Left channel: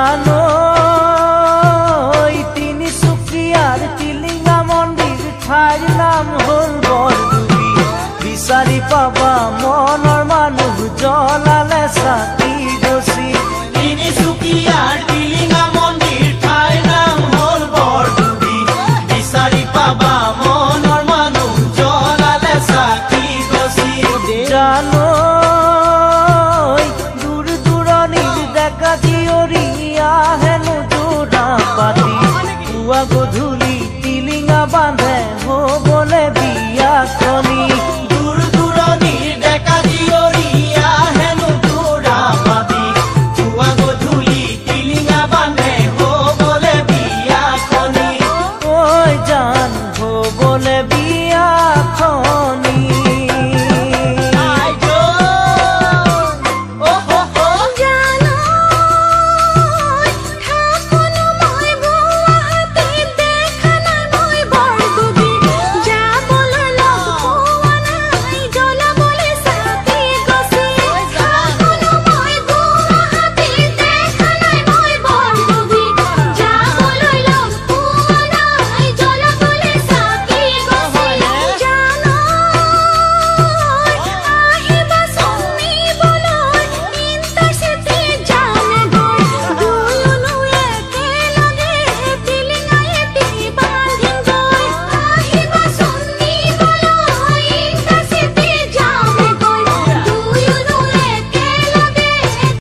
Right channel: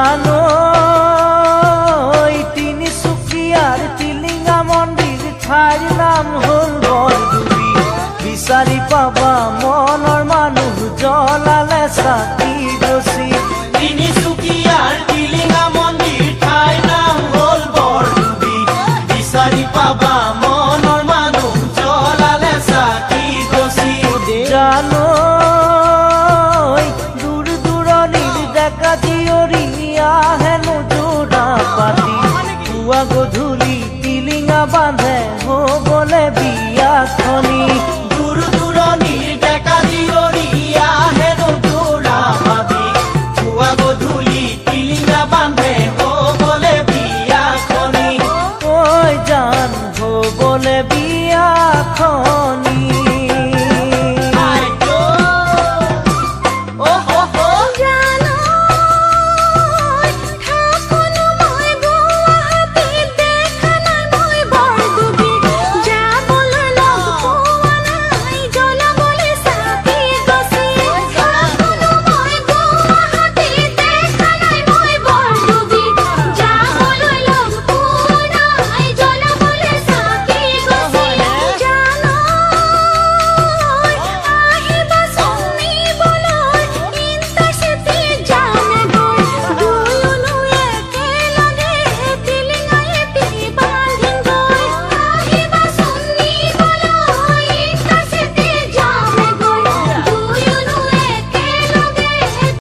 জানো তিনিচুকীয়াৰ টিলিঙা মন্দিৰ ঠাইৰ নাম হ'ল বৰডুবি। বিচাৰি পাবা মনৰ মানুহ জ্বলালে চাকি গছি। তিনিচুকীয়াৰ টিলিঙা মন্দিৰ ঠাইৰ নাম হ'ল বৰডুবি। বিচাৰি পাবা মনৰ মানুহ জ্বলালে চাকি গছি। জানো দূৰ দূৰণিৰ ডেকা জীয়ৰী আহেনো যোৰা পাতি। পুৱা গধূলি টিলিঙা বান্ধে হ'বলে